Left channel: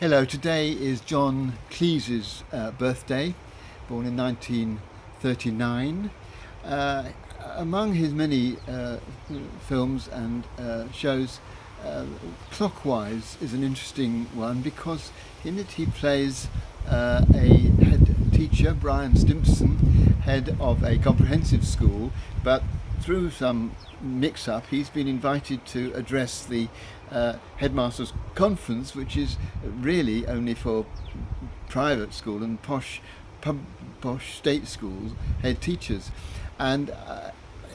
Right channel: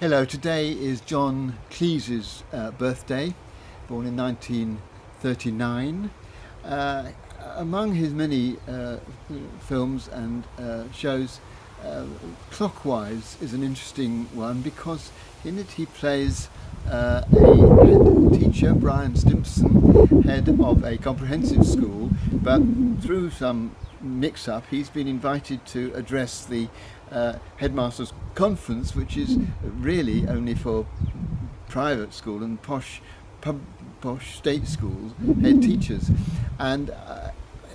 Hello, today is John Cleese's birthday, born in 1939. Uh, Among his many films and shows, uh, Clockwise is an interesting one because in it he plays a head teacher, Brian Stimpson, head of a comprehensive school, but through some mix up, he's been invited to address the headmasters' conference, which is really only for private school and posh state schools head teachers. And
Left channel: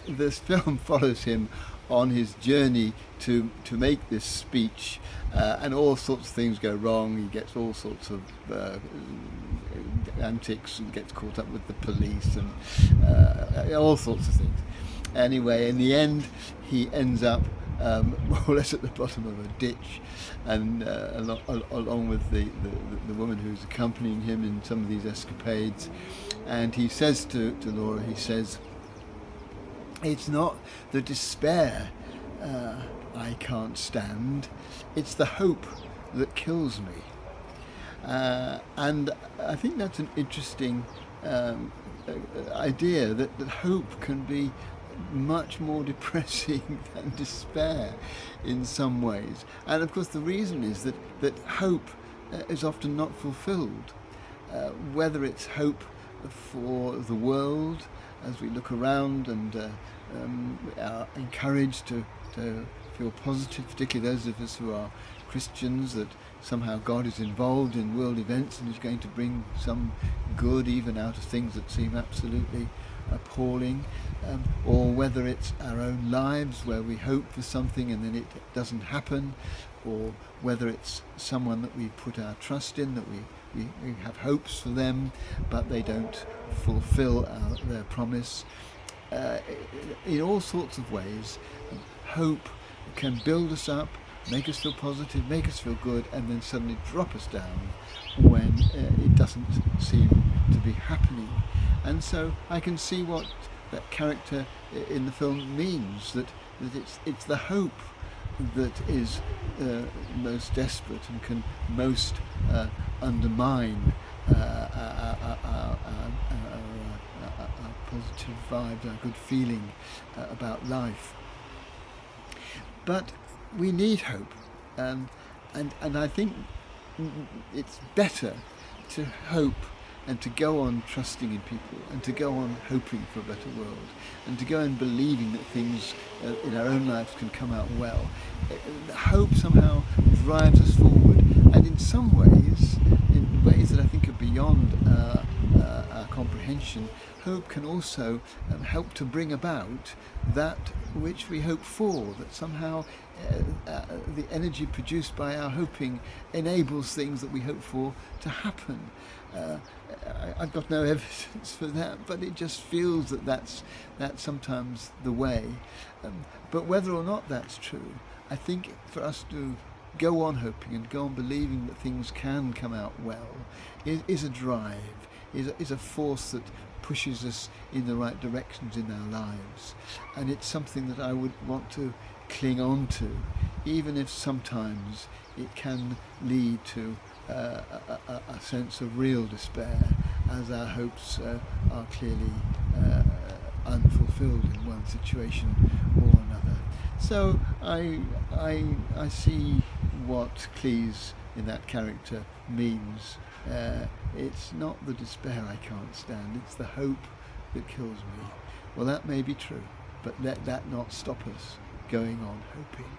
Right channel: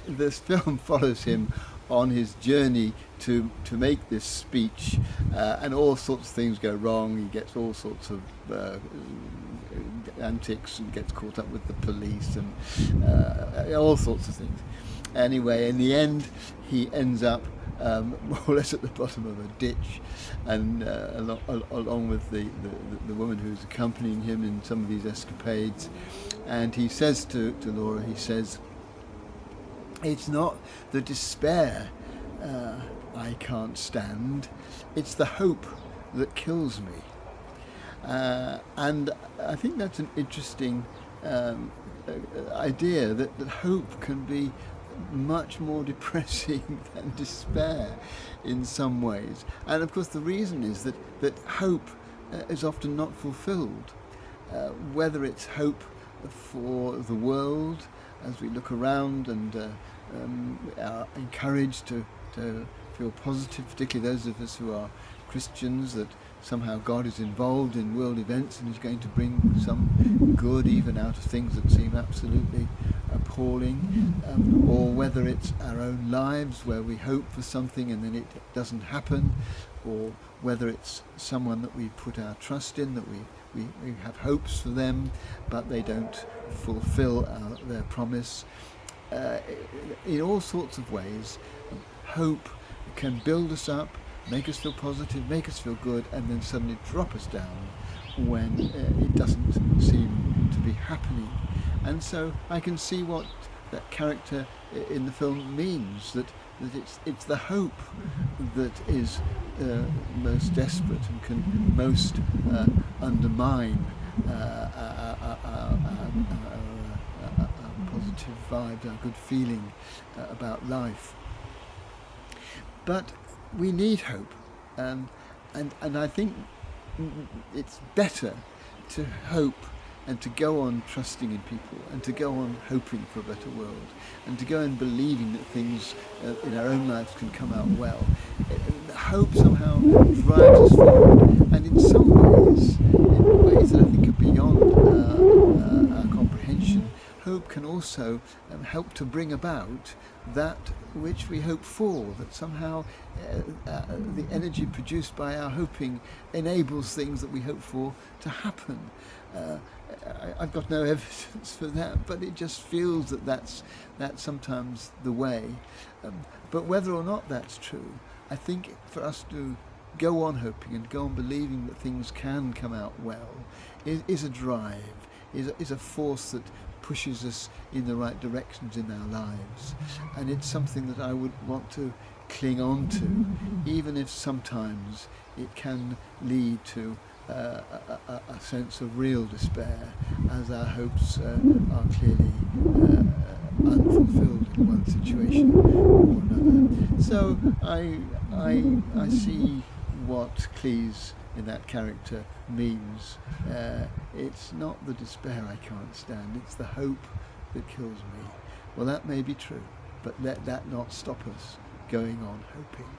this film follows him on his journey to make this speech, and all sorts of things go wrong. He gets all sorts of antics and gets caught up with the police and all sorts of things. Anyway, in the end, he ends up more or less at the bottom of a ditch, and along with the woman who's accompanying him in some of these escapades. And he says to Laura, he says, "It's not the despair I can't stand, it's the hope that kills me." And I think that's an interesting idea that hope can be much more depressing than despair in some ways. And of course, the reason is that hope is often not fulfilled, whether it's hope for the world as we look around and are encouraged to feel positive, particularly those of us who are Christians, that somehow God is involved in world events and is going to bring some good even out of things that seem absolutely appalling, or whether it's our own lives where we hope for something and then it doesn't happen, or whether it's someone that we put our trust in, that we have hopes for them but they don't fulfill their promise. In all sorts of ways, hope can build us up, make us feel positive, make us feel good, and then suddenly drop us down when it doesn't seem to be happening. And so I can see what that character in the film means, that it's the hope that is most desperate and can most undermine our positive vibes, our good feeling about life. But we need hope, and I think it's better to hope and to go on trusting in people and to go on hoping for a better world and to go on believing that things in our own lives can come out well. Hope somehow drives us forward, and in some ways, in ways that I think are beyond our comprehension, hope can also help to bring about that which we hope for, that somehow the energy produced by our hoping enables things that we hope for to happen. I've got no evidence for that, but it just feels that that's sometimes the way. But whether or not that's true, I think for us to go on hoping and go on believing that things can come out well is a drive, is a force that pushes us in the right directions in our lives. And it's something that I would want to cling on to, even if sometimes it can lead to a sense of real despair, as our hopes are clearly unfulfilled in one situation or another. So I see what Cleese in that character means. It's not the despair I can't stand, it's the hope that kills me. Well, that may be true, but let that not stop us going on hoping.